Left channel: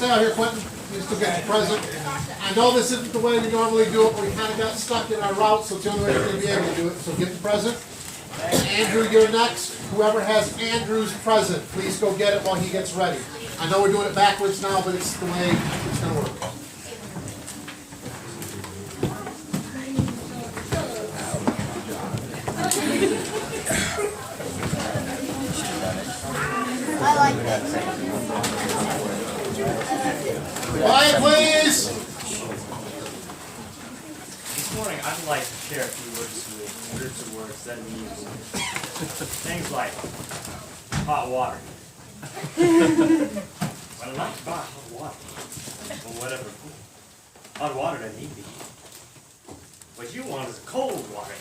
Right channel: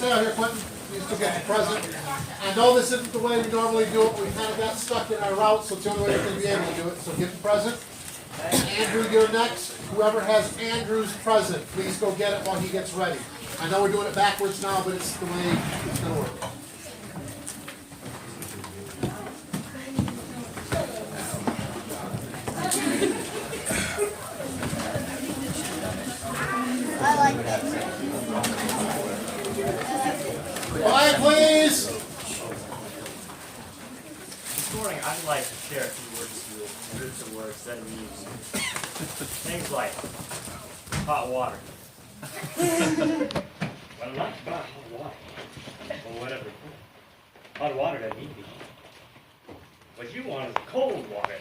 stay out here, Quentin. Please to get the present. I know this isn't the way we normally do it, but we kind of got stuck in our route, so it's the only way we're going to be able to do it. So get the present. Andrew, you're next. Whoever has Andrew's present, please go get it while he gets ready. I know we're doing it backwards now, but it's the way it's going to work. I like that. Quiet, please. This morning, I'd like to share a few words with groups of words that amuse me. Things like hot water. Well, I like to buy hot water. Or whatever. Hot water doesn't need to be. What you want is cold water.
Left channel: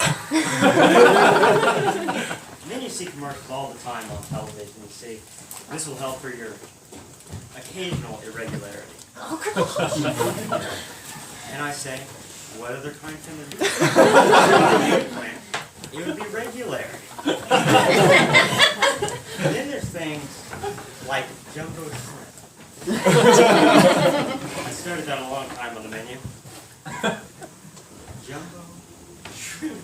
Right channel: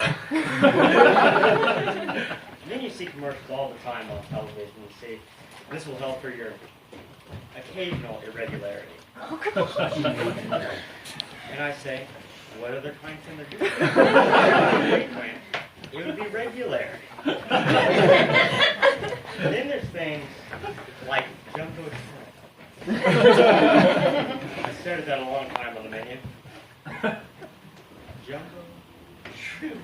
And then you see commercials all the time on television. You see, this will help for your occasional irregularity. And I say, what other kind can there be? It would be regularity. And then there's things like jumbo shrimp. I started that a long time on the menu. Jumbo shrimp.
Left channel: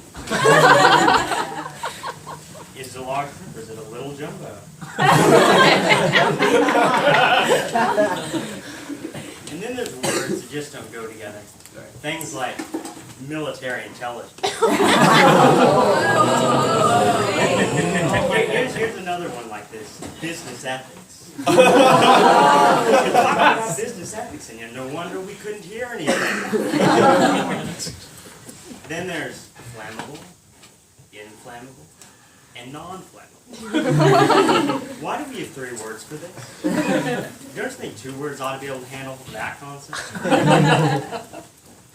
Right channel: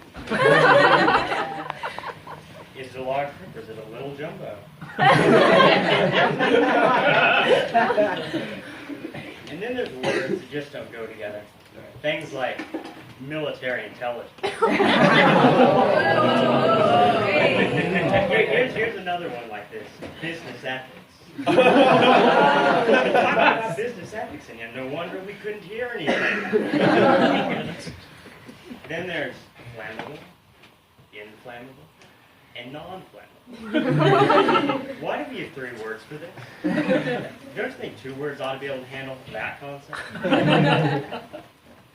Is it a large shrimp or is it a little jumbo? And then there's words that just don't go together. Things like military intelligence. Here's another one like this. Business ethics. Business ethics, and no wonder we couldn't hear anything. Then there's flammable, inflammable, and non-flammable. Why do we have 3 words for this? Don't you think 2 words ought to be able to handle that concept?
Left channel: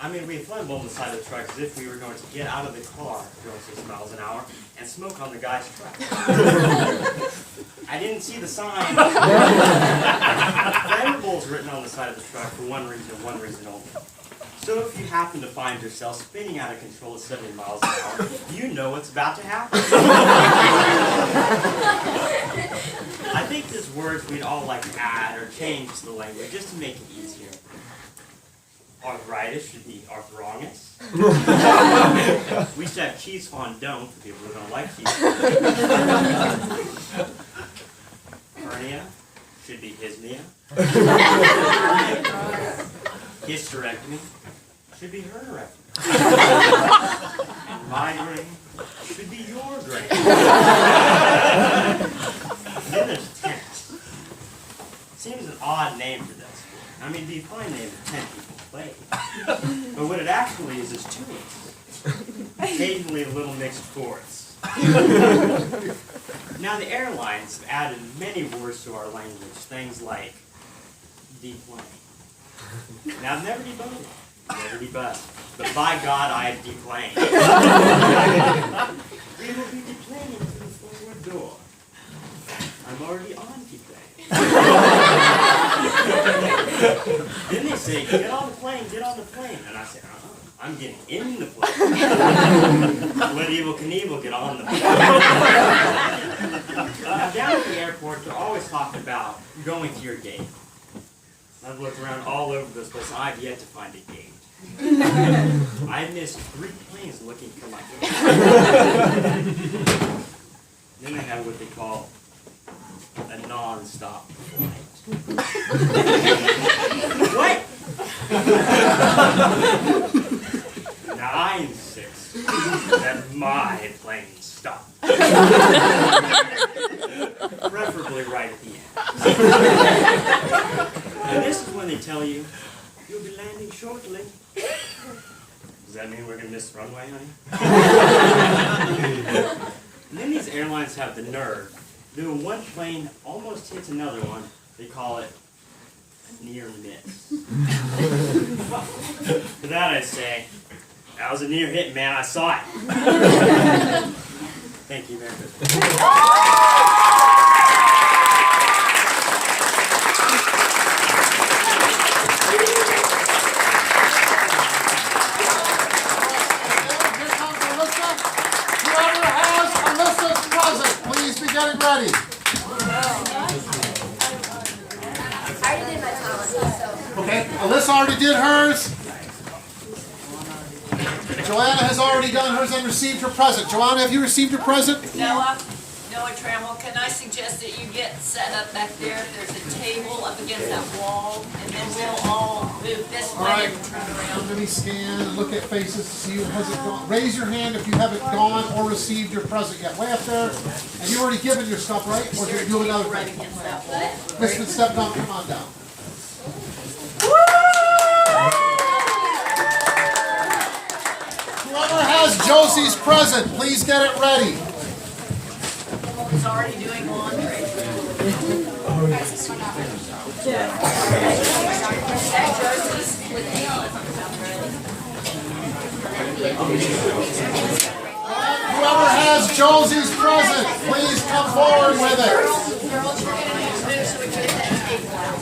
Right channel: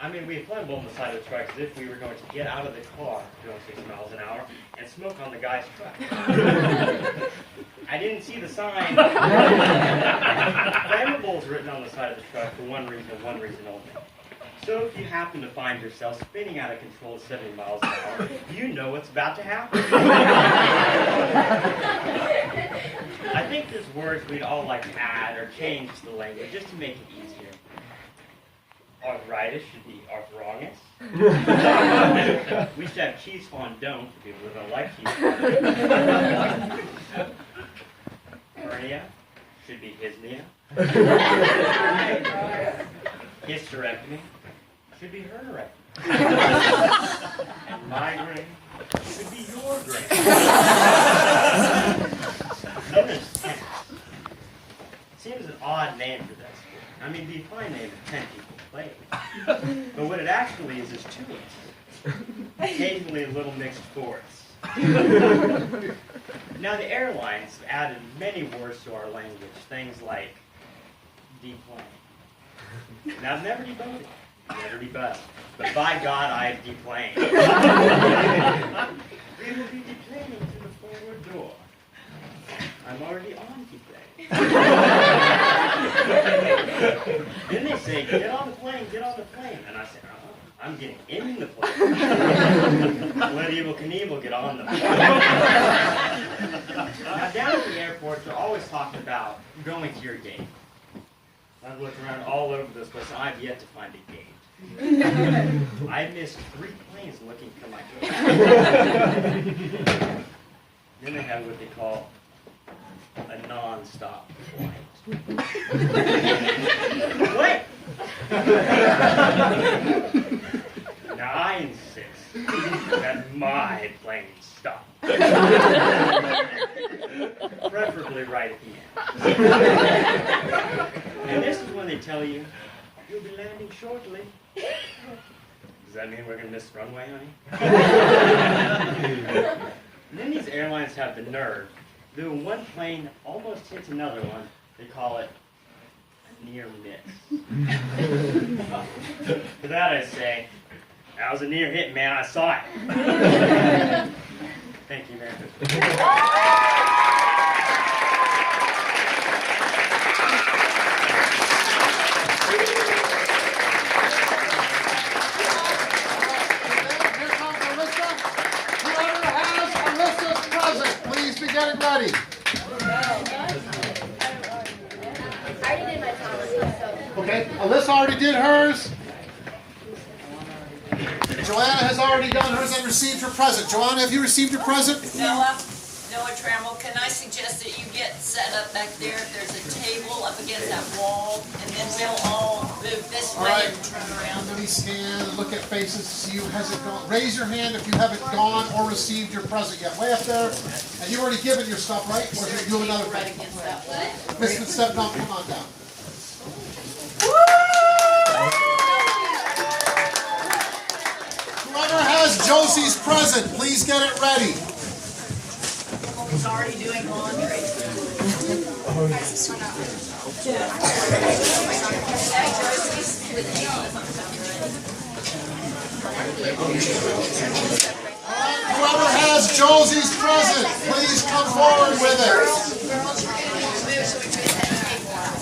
I mean, we have flammable on the side of the truck as if we were going to get out of the car going 6 miles an hour and smoke on the guy's truck. I didn't see the sign. Flammable is written on the side of the truck for one reason only. So if you happen to find yourself spinning out of control at 70 miles an hour, you know what's about to happen. I think there's words we'd all like to add or change to the language just to make it easier. Arthritis should be arthrongus. We should have cheese fondant for people who don't like cheese fondant. Hernia should be hisnia. Hysterectomy should be hernerectomy. And migraine should be your grain. And then there's tennis. Seems an odd name for that sport. I mean, it'd be a fine name for 10 people play. But what it actually is 2 words. Occasionally a little mixed chords. Now the airlines have added many words to our language. Things like deplane. Now I've never deboated. Never debussed. But by God, I have deplaned. We will be deplaning to the forward door. I'm already on deplane. Then they say, get on the plane, get on the plane. And I say, I'm getting in the plane. Let Evel Knievel get on the plane. Now down at the airport, they're always talking about going to your gate. I've looked around all over this place, and I've yet to find a gate. I missed 3 planes looking for my gate. Then they have what they call a non-stop flight. What? Now I insist that my plane stop. Preferably right at the end. And this is when they tell you, you'll be landing shortly. Does that mean we're going to miss the runway, honey? And then these airlines have the nerve. When one plane almost hits another one, they call it a near miss. For that I say, that was a near hit, man. I saw it. Thank you, man. Getting ready. I already did my Thomas. Okay, Alyssa already did hers. Joanna has already done hers and received her present. Joanna, have you received your present? Noah Trammell, can I suggest that you get set up back there? There's a table up against that wall, and then we'll all move this All way right. and turn around. Let me scan and look at faces to see who hasn't gone. Raise your hand if you haven't gone or received your present yet. Way up there. And you've already given your stuff, right? Or do you do another Right thing? against that wall. Listen, step down. Come on down. Whoever has Josie's present, please get it ready. Someone's already doing laundry. Hey, Josie's with Whoever has Josie's present, please come forward with it. girls, we're gonna move so we can get that table out.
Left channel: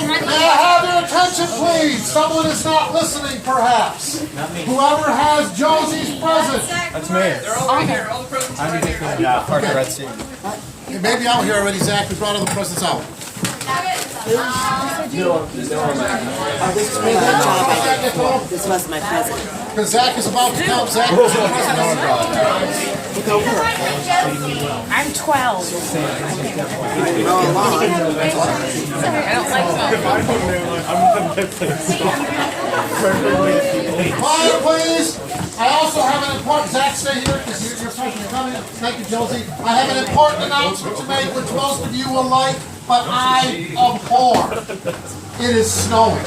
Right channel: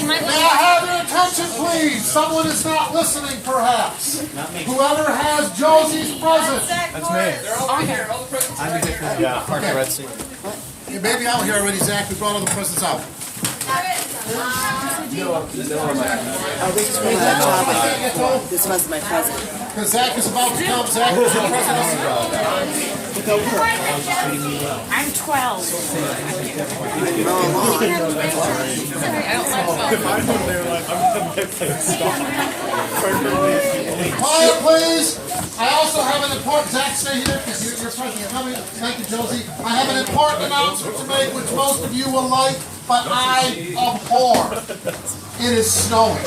May I have your attention, please? Someone is not listening, perhaps. Whoever has Josie's present. That's me. Yeah, Park the Red Sea. You may be out here already, Zach. We brought all the presents out. This was my present. Because Zach is about to come. Zach is the present. Go her. I'm 12. Roll along. Quiet, please. I also have an important. Zach, stay here because you're supposed to be coming. Thank you, Josie. I have an important announcement to make, which most of you will like, but I abhor. It is snowing.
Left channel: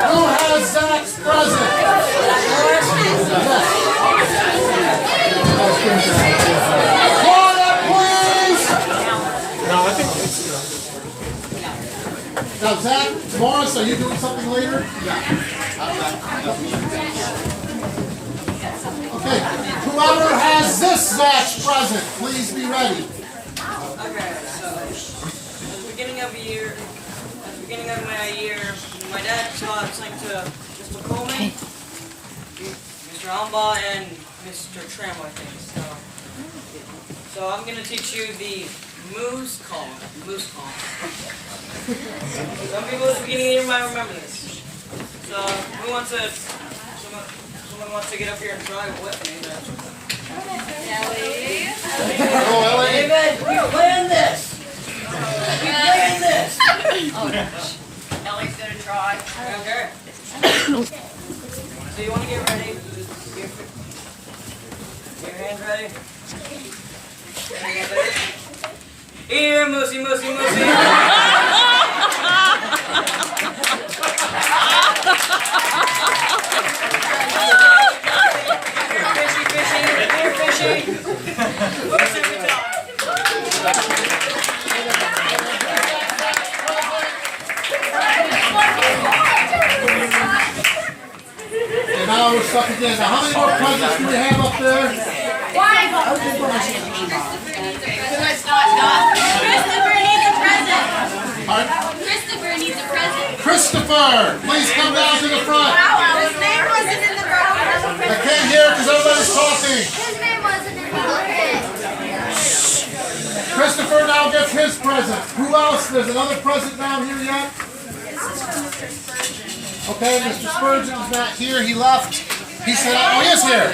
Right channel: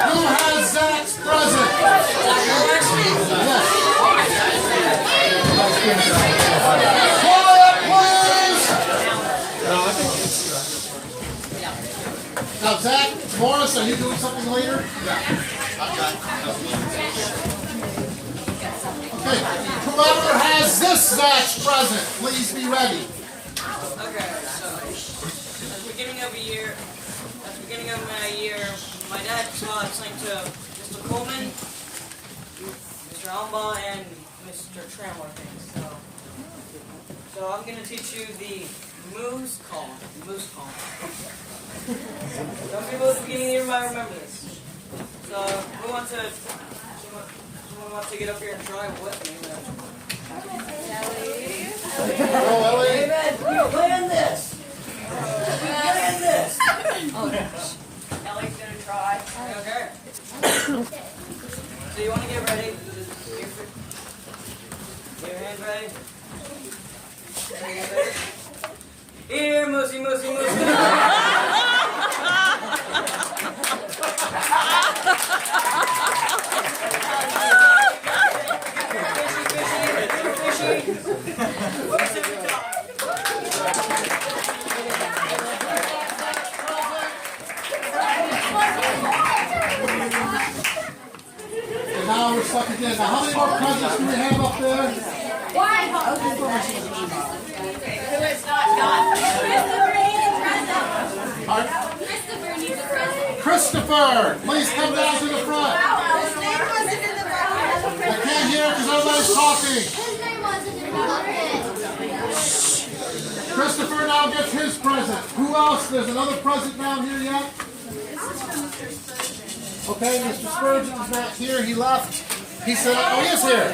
Who has Zach's present? Quiet, please! Now, Zach, Morris, are you doing something later? Okay, whoever has this Zach's present, please be ready. Okay, so at the beginning of my year, my dad taught something to Mr. Coleman, Mr. Almbaugh, and Mr. Trammell, I think. So I'm gonna teach you the moose call. Some people at the beginning of the year might remember this. So someone wants to get up here and try with me. Go, Ellie. David, we planned this. Ellie's gonna try. Okay. So you want to get ready? Just get your hands ready. Here, Moosey, Moosey, Moosey. Fishy, fishy, here, fishy. Moose every time. And now we're stuck again. Now, how many more presents do we have up there? Pardon? Christopher needs a present. Christopher, please come down to the front. His name wasn't in the book. I can't hear because everybody's talking. His name wasn't in the book. Christopher now gets his present. Who else? There's another present down here yet? Okay, Mr. Spurgeon's not here. He left. He said, oh, he is here.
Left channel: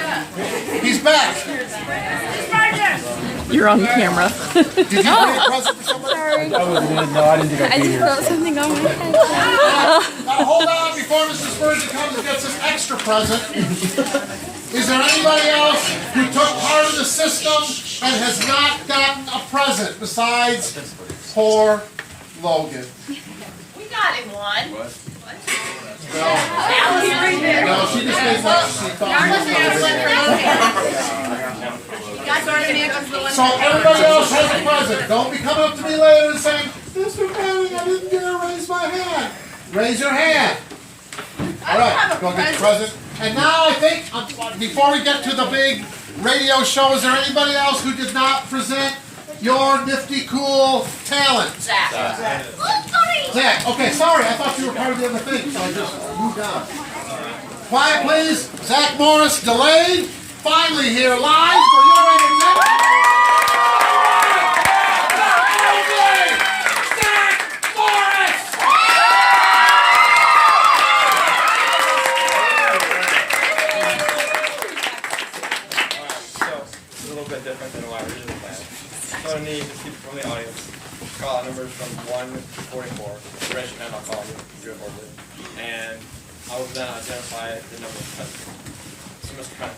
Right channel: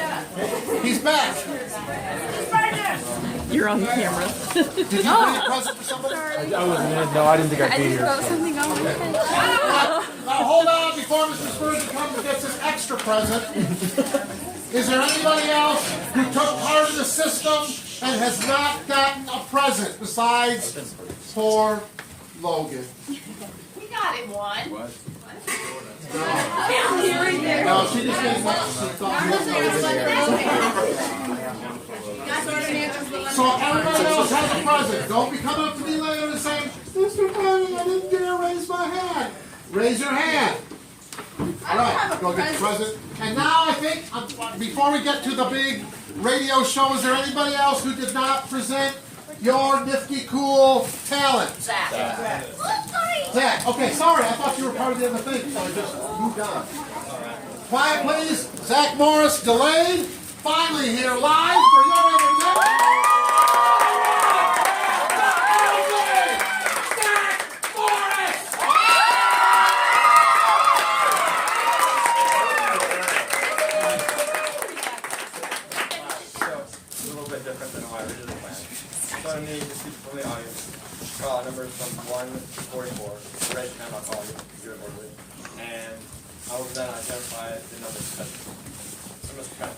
He's back. You're on camera. Did you bring a present for somebody? No, I didn't think I'd be here. Something on my head. Now hold on before Mr. Spurgeon comes and gets his extra present. Is there anybody else who took part of the system and has not gotten a present besides poor Logan? We got him one. No, she just made that. She thought so everybody else has a present. Don't be coming up to me later and saying, Mr. Manning, I didn't dare raise my hand. Raise your hand. All right, go get the present. And now I think, before we get to the big radio show. Is there anybody else who did not present your nifty cool talent? Zach. Zach, okay, sorry, I thought you were part of the other thing, so I just moved on. Quiet, please. Zach Morris, delayed, finally here live for your entertainment. Different than what I originally planned. So I need just people from the audience. Call out numbers from 1 to 44. Raise your hand, I'll call you. Do it verbally. And I will then identify the number of present. So Mr. Penn.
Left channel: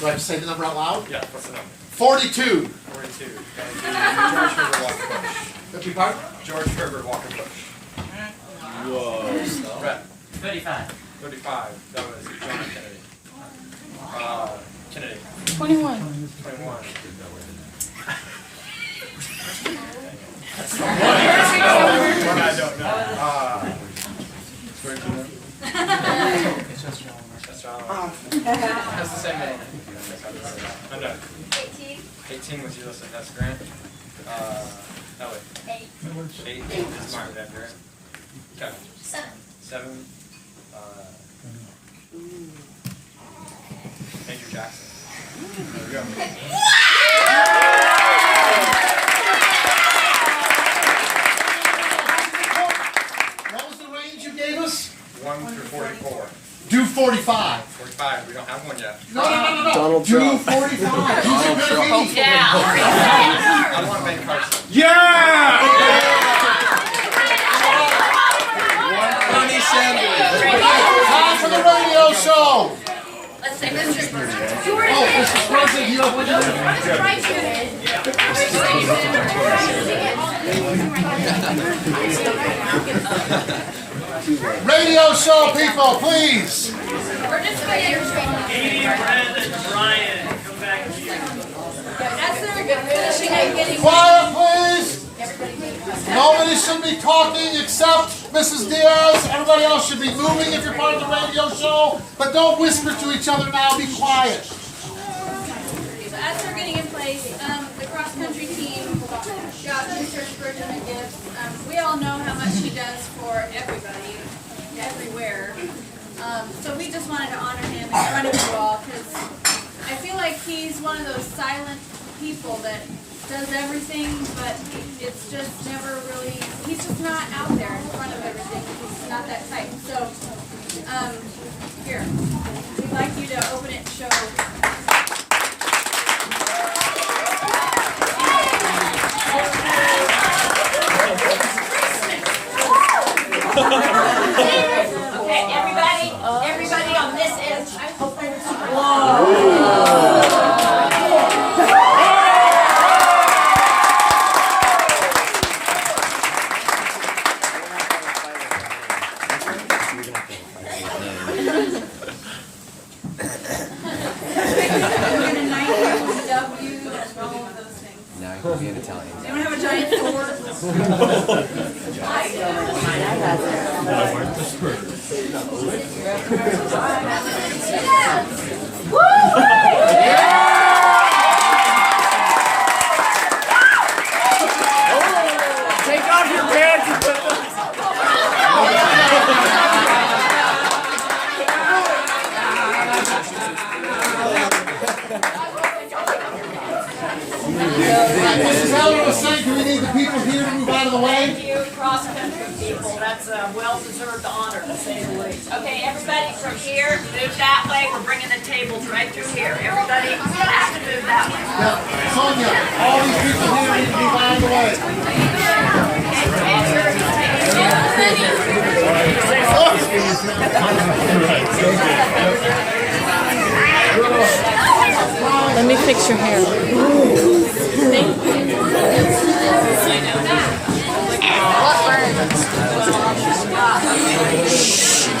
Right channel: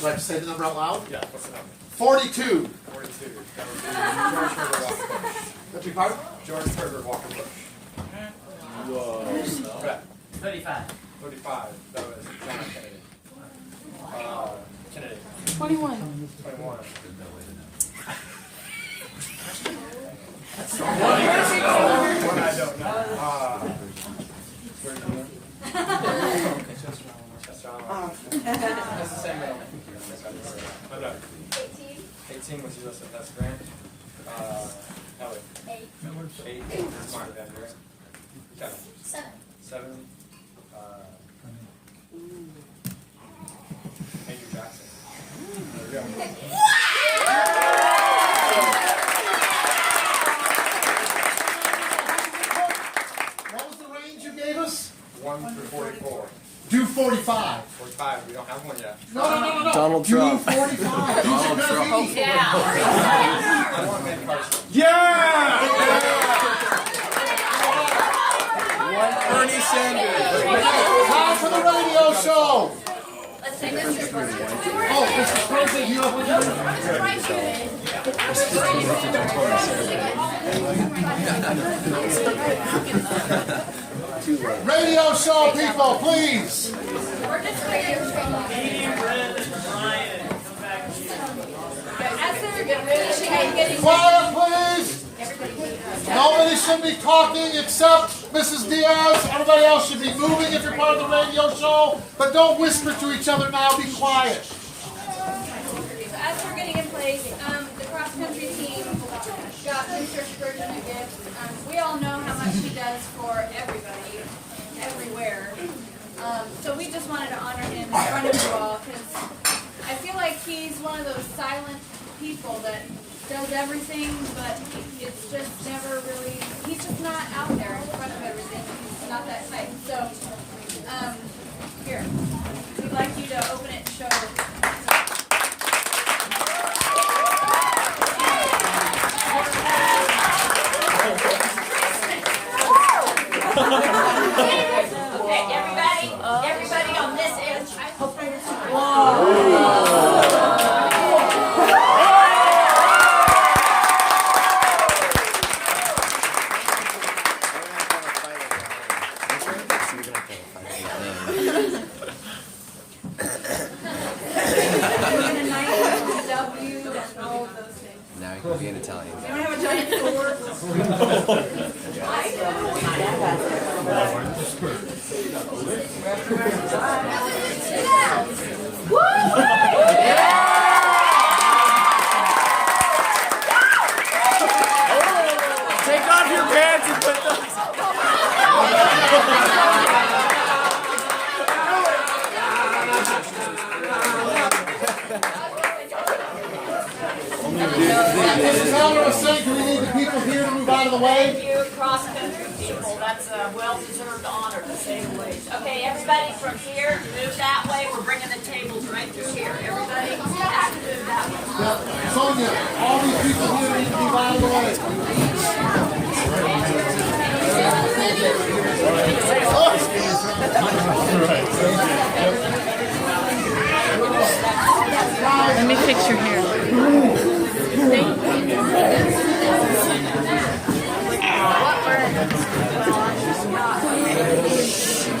Do I have to say the number out loud? Yeah, what's the number? 42. 42. That would be George Herbert Walker Bush. That'd be part? George Herbert Walker Bush. Whoa. Brett. 35. 35. That was John F. Kennedy. Kennedy. 21. 21. I don't know. That's John. That's the same middle name. I'm done. 18 was yours, that's Grant. Ellie. 8 is Mark, that's right. Kevin. 7. Andrew Jackson. There we go. What was the range you gave us? 1 through 44. Do 45. 45, we don't have one yet. No. Do 45. Who's it gonna be? Yeah. I want Ben Carson. Time for the radio show. Let's say Mr. Burns. Oh, Mr. President, you don't want to do it. Radio show, people, please. We're just waiting. Quiet, please. Nobody should be talking except Mrs. Diaz. Everybody else should be moving if you're part of the radio show. But don't whisper to each other now. Be quiet. So as we're getting in place, the cross-country team got Mr. Spurgeon a gift. We all know how much he does for everybody, everywhere. So we just wanted to honor him in front of you all because I feel like he's one of those silent people that does everything, but it's just never really, he's just not out there in front of everything. He's not that type. So, here, we'd like you to open it and show. Okay, everybody on this edge. Anyone have a giant sword? Take off your pants and put them. Mrs. Heller was saying, do we need the people here to move out of the way? Thank you, cross-country people. That's a well-deserved honor, to say the least. Okay, everybody from here, move that way. We're bringing the tables right through here. Everybody has to move that way. Now, Sonia, all these people here need to move out of the way. Let me fix your hair.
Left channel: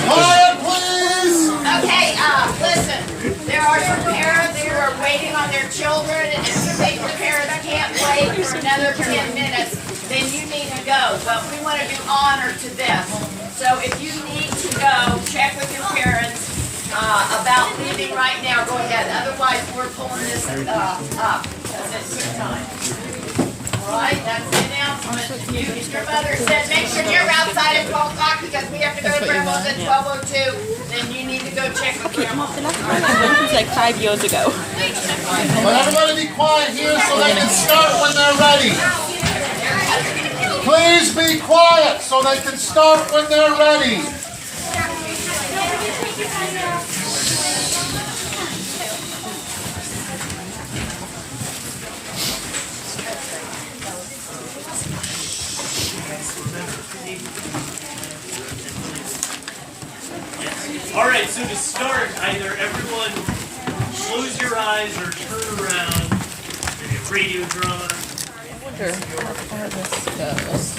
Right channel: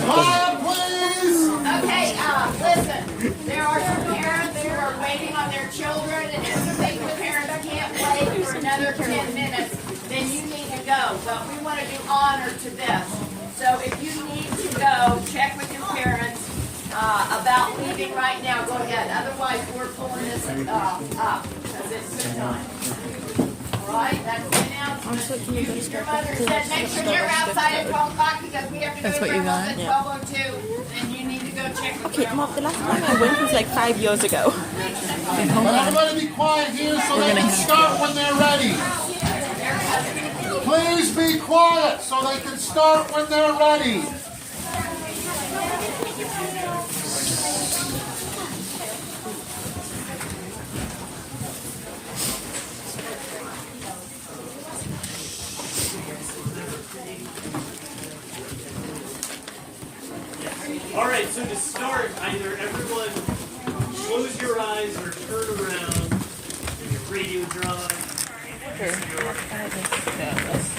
Quiet, please. Okay, listen, there are some parents who are waiting on their children, and if the parent can't wait for another 10 minutes, then you need to go. But we want to do honor to this. So if you need to go, check with your parents. about leaving right now, go ahead. Otherwise, we're pulling this up because it's too time. All right, that's the announcement. Your mother said make sure you're outside at 12 o'clock because we have to go to Grandma's at 12:02. Then you need to go check with Grandma. The last time I went was like 5 years ago. Let everybody be quiet here so they can start when they're ready. Please be quiet so they can start when they're ready. All right, so to start, either everyone close your eyes or turn around. Maybe a radio drama. I wonder how far this goes.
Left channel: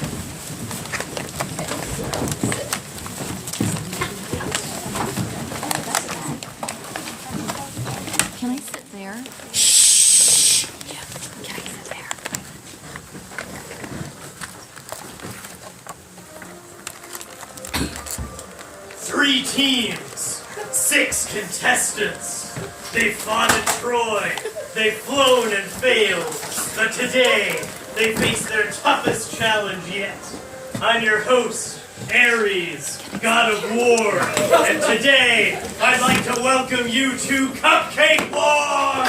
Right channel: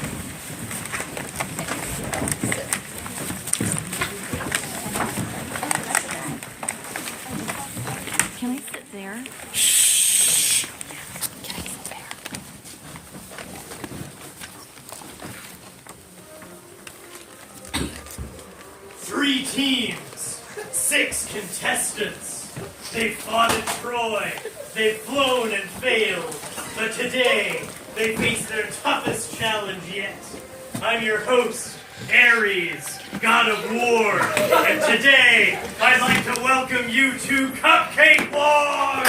Can I sit there? Shh. Can I sit there? 3 teams, 6 contestants. They fought at Troy. They've flown and failed. But today, they face their toughest challenge yet. I'm your host, Ares, God of War. And today, I'd like to welcome you to Cupcake War!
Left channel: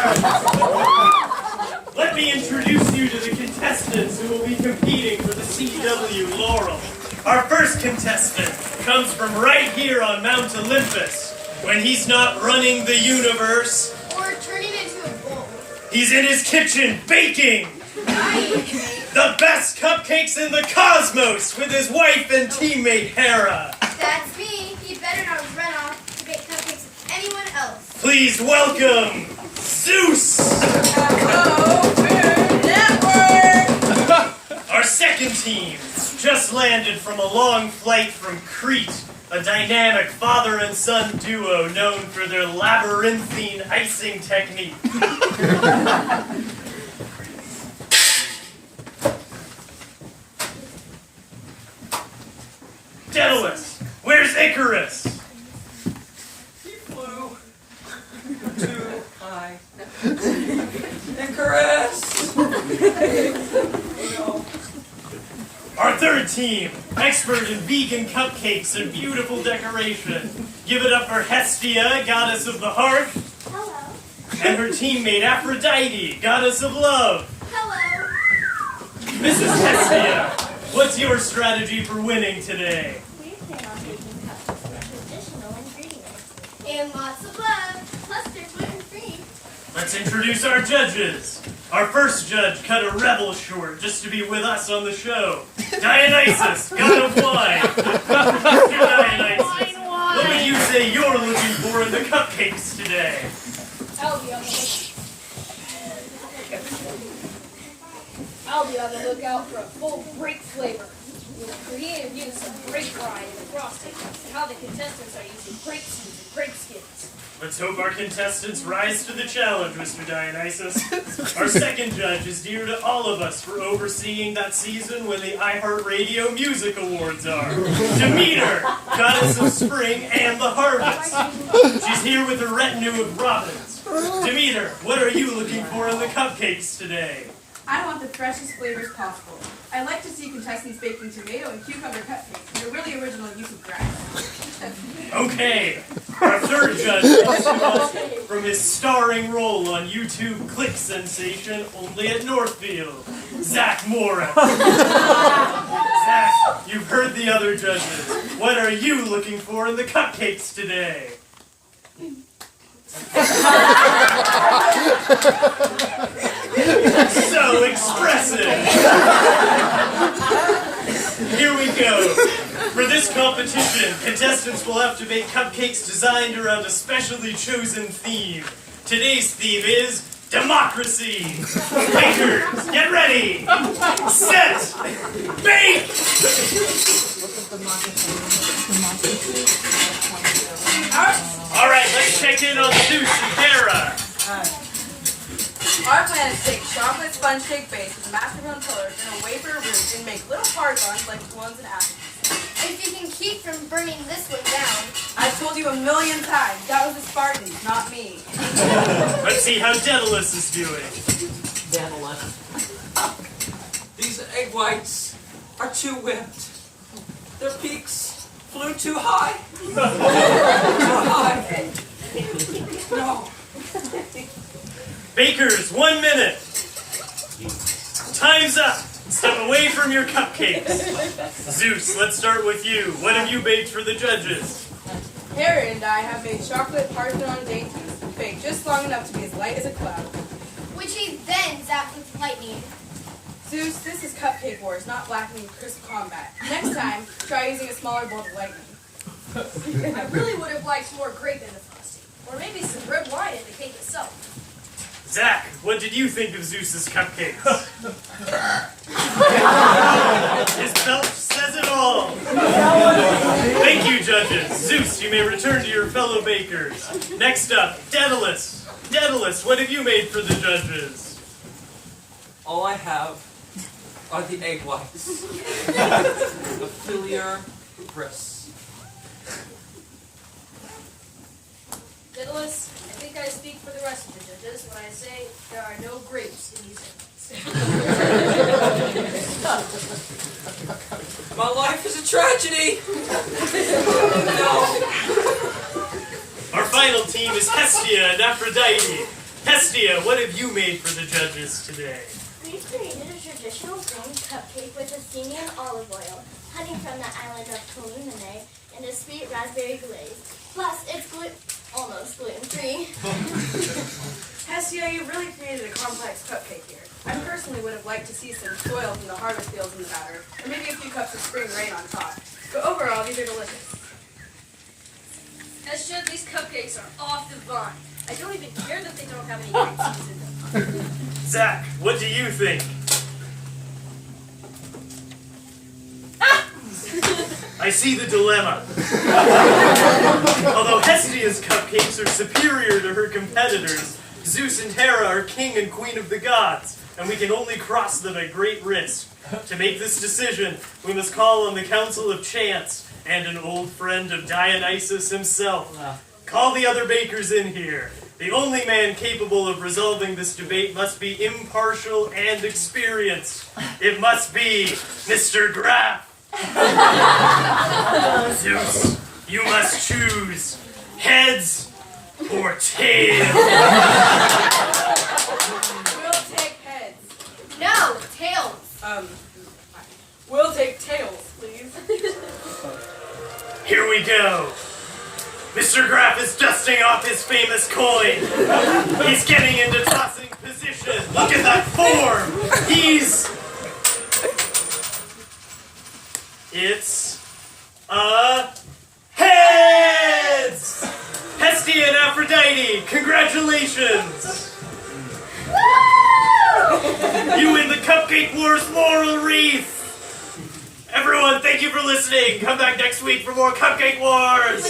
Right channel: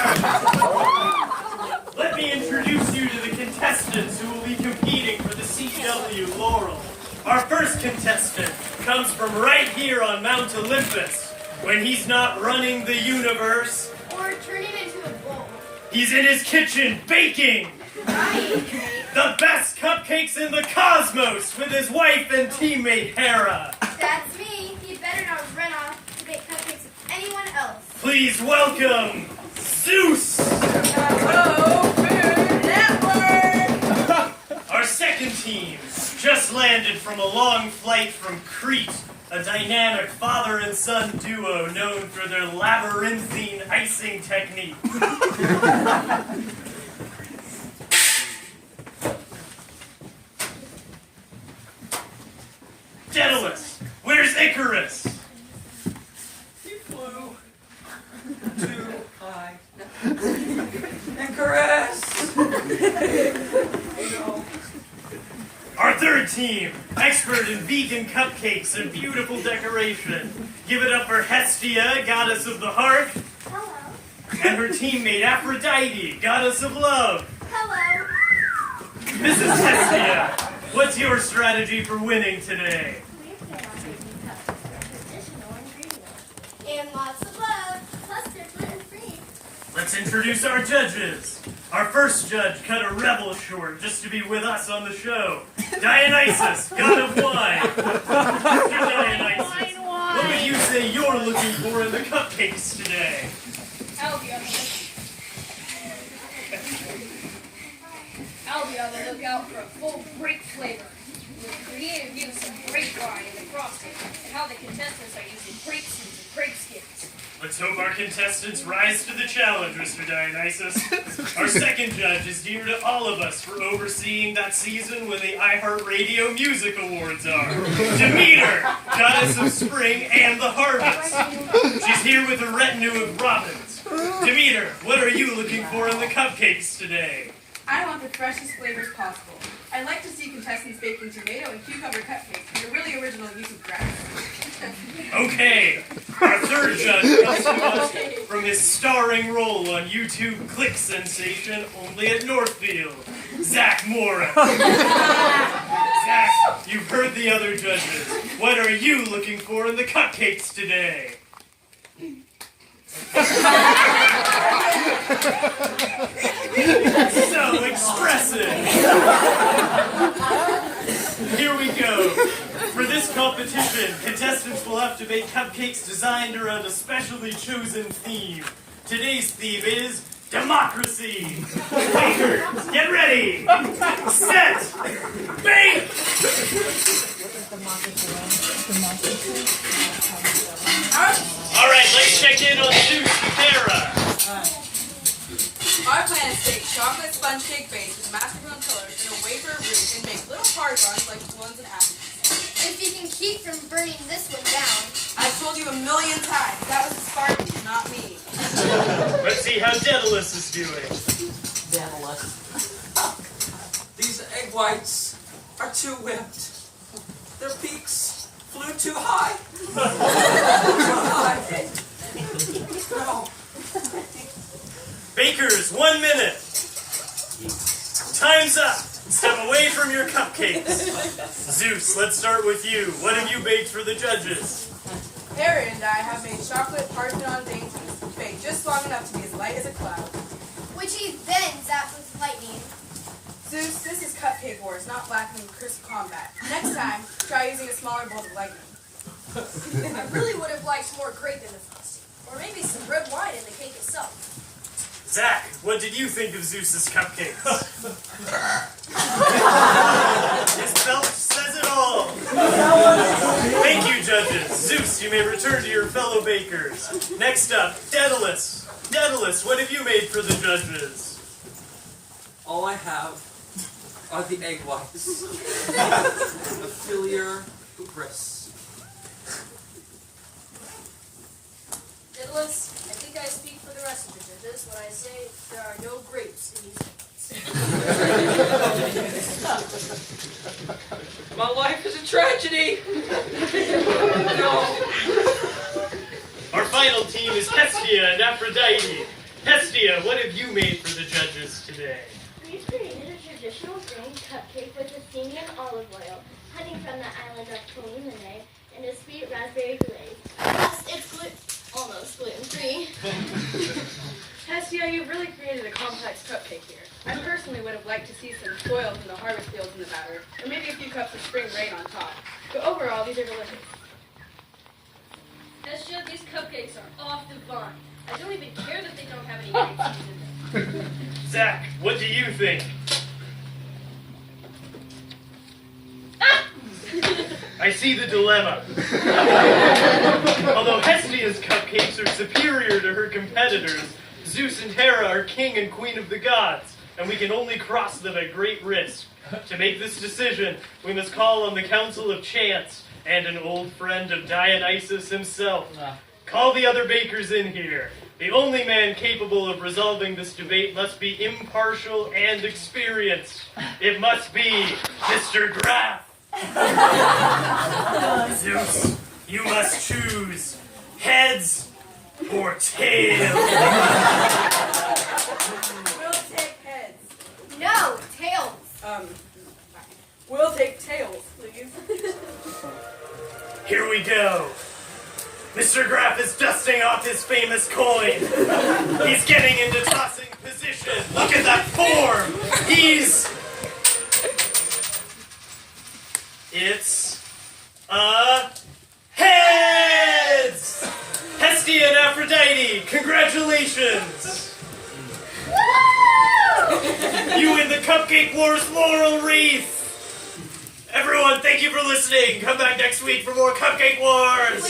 Let me introduce you to the contestants who will be competing for the CW Laurel. Our first contestant comes from right here on Mount Olympus. When he's not running the universe, Or turn it into a bowl. he's in his kitchen baking the best cupcakes in the cosmos with his wife and teammate Hera. That's me. He better not run off to bake cupcakes with anyone else. Please welcome Zeus! Our second team just landed from a long flight from Crete, a dynamic father and son duo known for their labyrinthine icing technique. Daedalus, where's Icarus? He flew too high. Icarus! Our third team, expert in vegan cupcakes and beautiful decoration. Give it up for Hestia, goddess of the heart, Hello. and her teammate Aphrodite, goddess of love. Hello. Mrs. Hestia, what's your strategy for winning today? We plan on making cupcakes with traditional ingredients. And lots of love. Plus they're gluten-free. Let's introduce our judges. Our first judge cut a rebel short just to be with us on the show. Dionysus, god of wine. Mr. Dionysus, what would you say you're looking for in the cupcakes today? I'll be on the lookout for a full grape flavor. With creative use of grape wine in the frosting, and how the contestants are using grape seeds and grape skins. Let's hope our contestants rise to the challenge, Mr. Dionysus. Our second judge is dear to all of us for overseeing that season when the iHeartRadio Music Awards are. Demeter, goddess of spring and the harvest. She's here with a retinue of robins. Demeter, what are you looking for in the cupcakes today? I want the freshest flavors possible. I like to see contestants baking tomato and cucumber cupcakes and a really original use of grass. Okay, our third judge comes to us from his starring role on YouTube Click Sensation Only at Northfield, Zach Morris. Zach, you've heard the other judges. What are you looking for in the cupcakes today? So expressive. Here we go. For this competition, contestants will have to bake cupcakes designed around a specially chosen theme. Today's theme is democracy. Bakers, get ready. Set. Bake. All right, let's check in on Zeus and Hera. Our plan is to take chocolate sponge cake base with mascarpone colors and a wafer root and make little hard buns like the ones in Athens. If you can keep from burning this one down. I've told you 1,000,000 times, that was the Spartans, not me. Let's see how Daedalus is doing. These egg whites are too whipped. Their peaks flew too high. Too high. No. Bakers, 1 minute. Time's up. Step away from your cupcakes. Zeus, let's start with you. What have you baked for the judges? Harry and I have made chocolate Parthenon dainties, baked just long enough to be as light as a cloud. Which he then zapped with lightning. Zeus, this is Cupcake Wars, not Blackening Crisp Combat. Next time, try using a smaller bolt of lightning. I really would have liked more grape in the frosting. Or maybe some red wine in the cake itself. Zach, what did you think of Zeus's cupcakes? His belt says it all. Thank you, judges. Zeus, you may return to your fellow bakers. Next up, Daedalus. Daedalus, what have you made for the judges? All I have are the egg whites. The filier grist. Daedalus, I think I speak for the rest of the judges when I say there are no grapes in these eggs. My life is a tragedy. No. Our final team is Hestia and Aphrodite. Hestia, what have you made for the judges today? We created a traditional green cupcake with Athenian olive oil, honey from the island of Kalimene, and a sweet raspberry glaze. Plus, it's almost gluten-free. Hestia, you really created a complex cupcake here. I personally would have liked to see some soil from the harvest fields in the batter, or maybe a few cups of spring rain on top. But overall, these are delicious. Hestia, these cupcakes are off the vine. I don't even care that they don't have any grape seeds in them. Zach, what do you think? I see the dilemma. Although Hestia's cupcakes are superior to her competitors, Zeus and Hera are king and queen of the gods, and we can only cross them at great risk. To make this decision, we must call on the Council of Chance and an old friend of Dionysus himself. Call the other bakers in here. The only man capable of resolving this debate must be impartial and experienced. It must be Mr. Graff. Zeus, you must choose heads or tails. We'll take heads. No, tails. We'll take tails, please. Here we go. Mr. Graff is dusting off his famous coin. He's getting into tossing position. Look at that form. It's a heads! Hestia and Aphrodite, congratulations! You win the Cupcake Wars laurel wreath! Everyone, thank you for listening. Come back next week for more Cupcake Wars!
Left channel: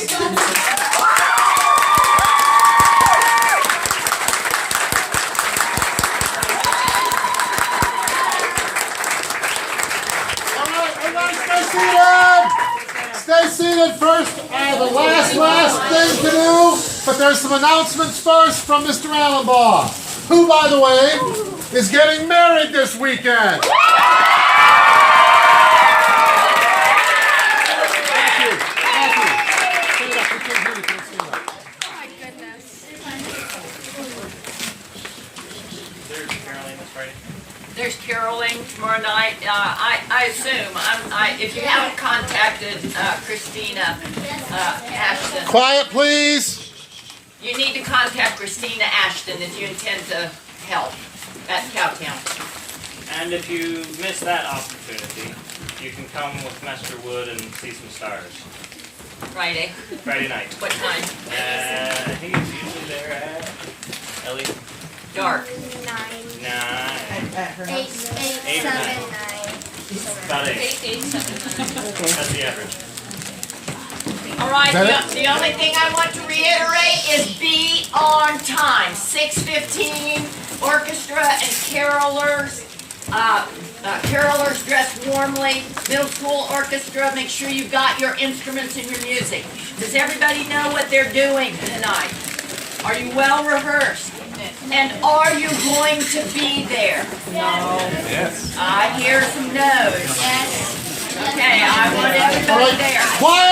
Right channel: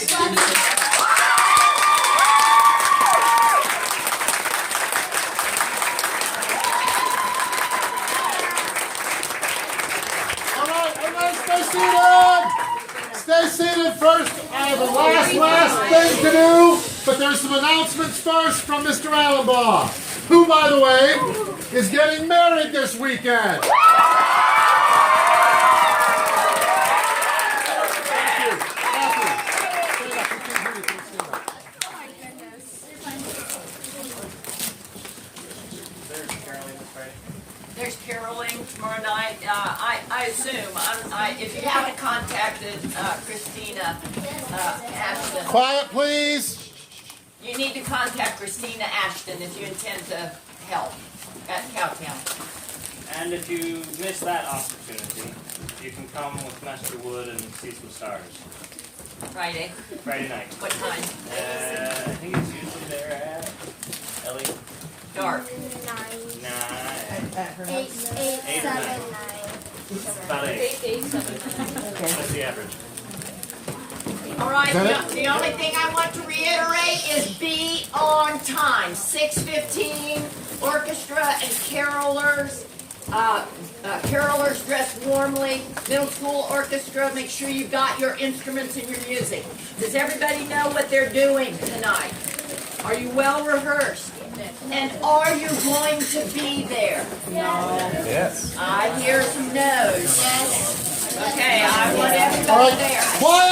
Stay seated first. I have a last thing to do, but there's some announcements first from Mr. Allenbaugh, who, by the way, is getting married this weekend. Thank you. Stand up. We can't hear you. Stand up. Oh my goodness. There's Caroline, that's right. There's Caroling tomorrow night. I assume, if you haven't contacted Christina Ashton, Quiet, please. you need to contact Christina Ashton if you intend to help at Cowtown. And if you miss that opportunity, you can come with Master Wood and see some stars. Friday. Friday night. What time? I think it's usually there at Ellie. Dark. 9. 9. 8, 8 7, 9. About 8. 8, 7, 9. That's the average. All right, the only thing I want to reiterate is be on time. 6:15, orchestra and carolers. Carolers dressed warmly. Middle school orchestra, make sure you've got your instruments and your music. Does everybody know what they're doing tonight? Are you well rehearsed? And are you going to be there? No. Yes. I hear some no's. Yes. Okay, I want everybody there. Quiet!